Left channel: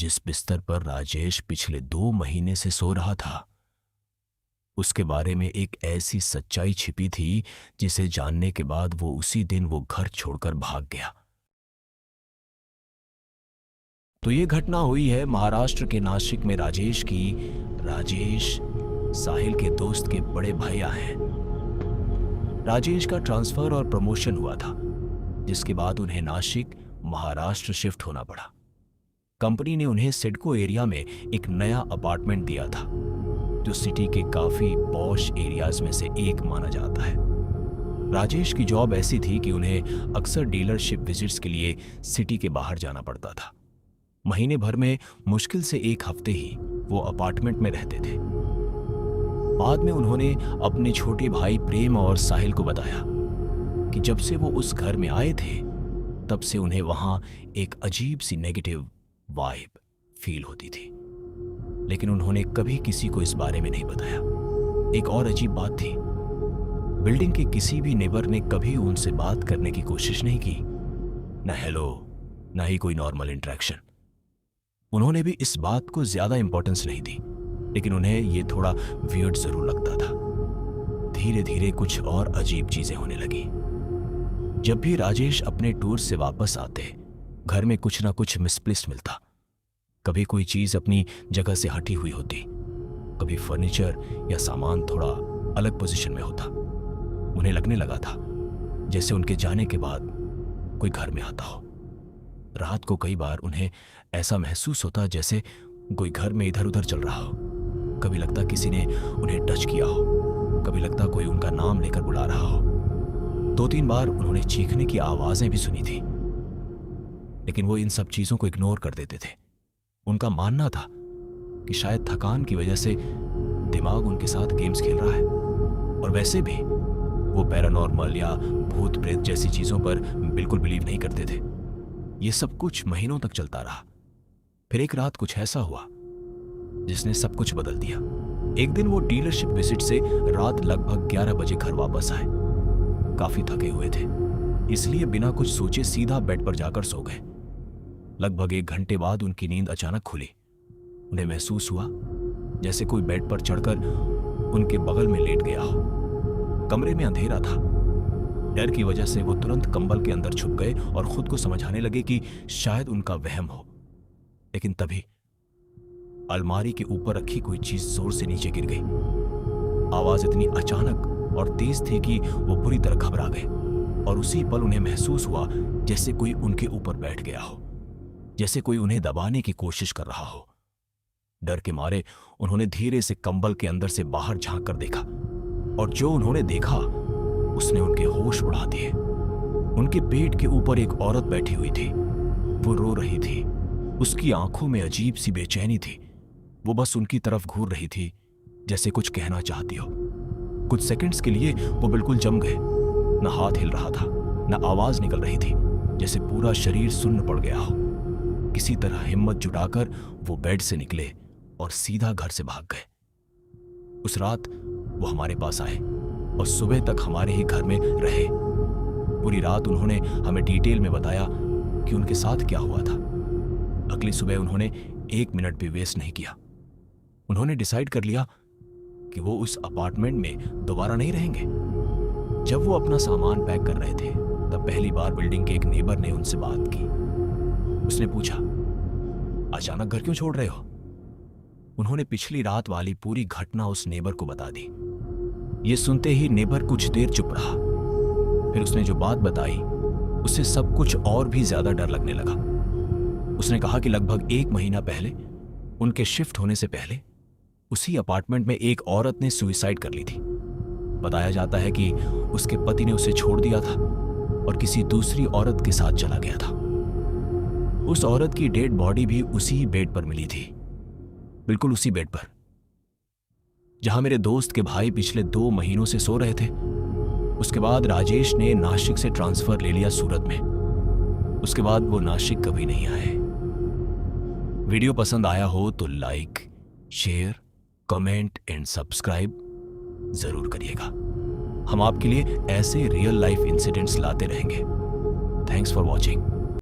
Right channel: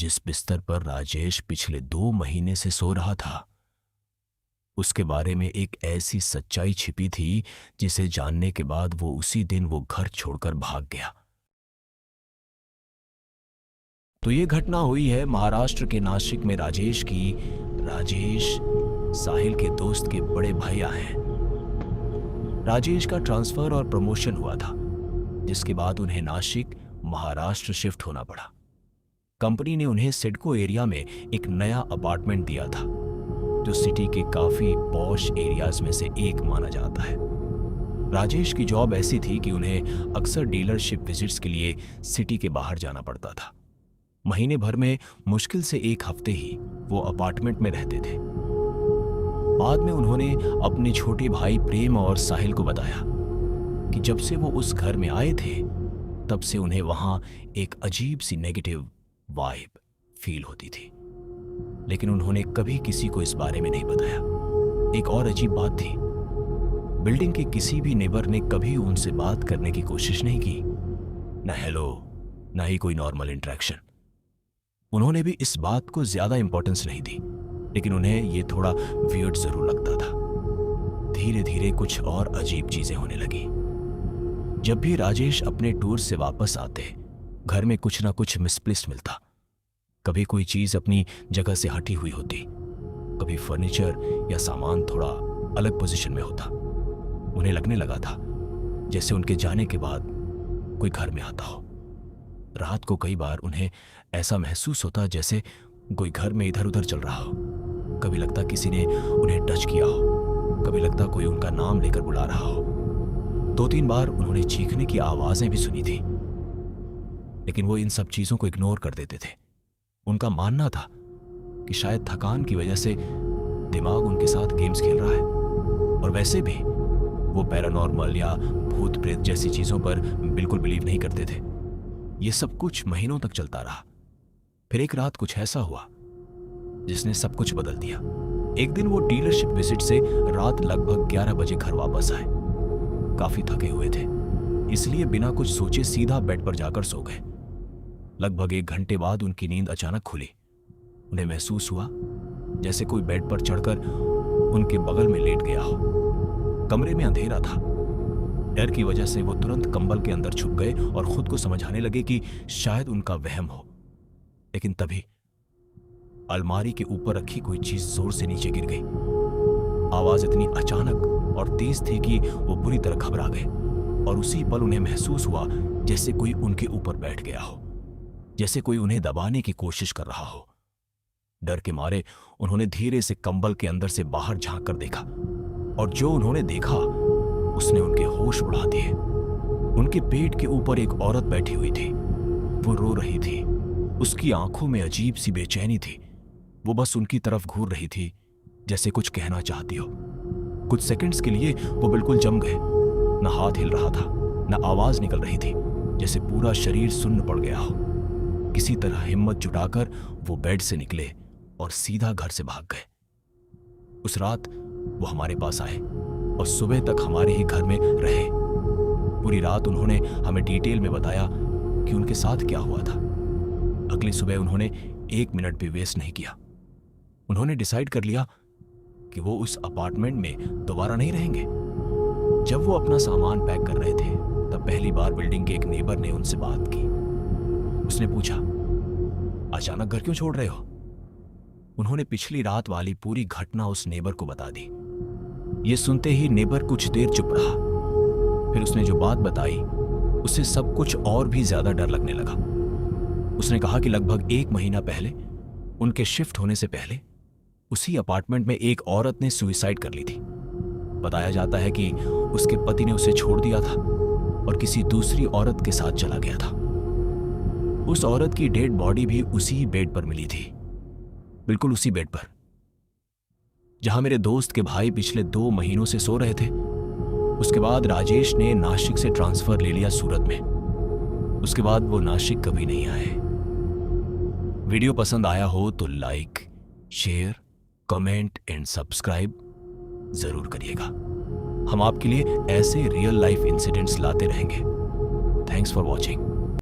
जिस बिस्तर पर राजेश पिछले 2 महीने से सो रहा था, उसके बारे में एक ऐसी सच्चाई छिपी थी जिसे जानने के बाद वो उसी दिन वो घर छोड़कर भाग गया। तो ये घटना हुई है महाराष्ट्र के नासिक में राजेश की। राजेश साहिल के दोस्त के बड़े भैया हैं। राजेश का ट्रांसफर और प्रमोशन हुआ था, जिसके बाद उन्हें नासिक महाराष्ट्र शिफ्ट होना पड़ा। कंपनी ने उन्हें सिडको एरिया में एक नया अपार्टमेंट दिया था, जो सिटी के काफी पॉश एरियाज में से एक माना जाता है। राजेश की जॉब ऐसी थी कि उन्हें अक्सर डीलरशिप विजिट्स के लिए सिटी के बाहर जाना पड़ता था। महीने भर में मुश्किल से 1 हफ्ते ही वो अपार्टमेंट में रहते थे। बाद में उन्होंने अपने छोटे भाई प्रेम और साहिल को बताया कि जब से वो उस घर में आए थे, तब से उन्हें वहां एक अजीब सी नेगेटिव वाइब फील होती थी, लेकिन उन्होंने कभी किसी को इस बारे में नहीं बताया। एक और अजीब बात थी, बिल्डिंग के किसी भी नेबर ने कभी उनसे बात करने की कोशिश नहीं की, न हेलो, न ही कोई नॉर्मल इंटरेक्शन। उन्होंने भी इस बात को ज्यादा इंपॉर्टेंस नहीं दी, लेकिन उन्हें यह थोड़ा वियर्ड जरूर लगता था। धीरे धीरे कुछ और अजीब चीजें होने लगी। जब भी राजेश अपने टूर से वापस आते, घर में कुछ ना कुछ मिसप्लेस्ड मिलता। कभी कोई चीज अपनी जगह से हटी हुई होती, कभी फर्नीचर या सामान थोड़ा अलग पोजीशन में होता। उन्हें लगने लगा था जैसे उनके जाने के बाद कोई घर में आता हो। रात को कई बार उन्हें ऐसा महसूस होता जैसे कोई घर में इधर उधर चल रहा हो। कभी लगता किसी ने उन्हें टच किया हो, कभी लगता कोई उनका नाम लेकर बुला रहा हो। 2-3 बार उन्होंने चीखने की आवाजें भी सुनी थी, लेकिन वो इन सब चीजों को इग्नोर कर देते थे। उनका मानना था कि शायद थकान की वजह से दिमाग उनके साथ गेम्स खेल रहा है। और वैसे भी वो पैरानॉर्मल या भूत प्रेत जैसी चीजों पर बिल्कुल बिलीव नहीं करते थे। ये सब कुछ महीनों तक चलता रहा। फिर एक रात कुछ ऐसा हुआ जिसने सब कुछ बदल दिया। एक दिन वो डीलरशिप विजिट से रात लगभग 11 बजे घर वापस आए। काफी थके हुए थे, इसलिए बिना कुछ सोचे सीधा बेड पर जाकर सो गए। लगभग 1 घंटे बाद उनकी नींद अचानक खुली। उन्हें महसूस हुआ जैसे कोई बेड पर चढ़कर उनके बगल में लेट गया हो। कमरे में अंधेरा था। डर की वजह से वो तुरंत कंबल के अंदर छुप गए और खुद को समझाने लगे कि शायद उनका वहम हो। लेकिन तभी अलमारी के ऊपर रखी कोई चीज जोर से नीचे गिर गई। आवाज इतनी अचानक और तेज थी कि वो बुरी तरह घबरा गए, और उसी पल उन्हें महसूस हुआ जैसे कोई उनके ऊपर बैठ गया हो, जैसे कोई उन्हें दबाने की कोशिश कर रहा हो। डर के मारे उन्होंने धीरे से कंबल के अंदर से बाहर झांक कर देखा, और जो उन्होंने देखा उसने उनके होश उड़ा दिए। उनके पेट के ऊपर एक औरत बैठी हुई थी। वो रो रही थी। उसकी आंखों में अजीब सी बेचैनी थी। वो बस उनकी तरफ घूर रही थी, जैसे कुछ कहना चाहती हो। कुछ सेकंड्स के लिए वो बिल्कुल जम गए। न हाथ हिल रहा था, न आवाज निकल रही थी, जैसे पूरा शरीर सुन्न पड़ गया हो। किसी तरह हिम्मत जुटाकर वो बेड से निकले और सीधा घर से भाग गए। उस रात वो हमारे पास आए और सुबह तक हमारे ही घर में रहे। पूरी रात उन्होंने हमें डिटेल में बताया कि उनके साथ क्या हुआ था। अगली सुबह उन्होंने 1 मिनट भी वेस्ट नहीं किया। उन्होंने डिसाइड कर लिया कि वो उस अपार्टमेंट में दोबारा नहीं रहेंगे। जब वो अपना सामान पैक कर रहे थे, तब पहली बार बिल्डिंग के एक नेबर ने उनसे बात की। उसने पूछा, अचानक घर क्यों छोड़ रहे हो? उन्होंने पिछली रात वाली पूरी घटना उस नेबर को बता दी। ये सुनते ही नेबर कुछ देर चुप रहा। फिर उसने जो बात बताई, उससे सब कुछ और भी ज्यादा डर लगने लगा। उसने कहा कि लगभग 1 महीना पहले, उनके शिफ्ट होने से पहले, उसी अपार्टमेंट में एक औरत ने सुसाइड कर ली थी। बताया जाता है कि उसके पति ने उसे छोड़ दिया था और किसी दूसरी औरत के साथ चला गया था। उस औरत की डेड बॉडी भी उसी बेड पर मिली थी, बिल्कुल उसी बेड पर जहां मेरे दोस्त के भाई पिछले 2 महीनों से सो रहे थे। उसके बाद राजेश ने नासिक से ट्रांसफर ले लिया सूरत में। उसके बाद वो नासिक कभी नहीं आए। वीडियो पसंद आया हो तो like, share, comment and subscribe जरूर करिएगा। हम आपके लिए ऐसे रियल लाइफ इंसिडेंट्स लाते रहेंगे। Thanks for watching.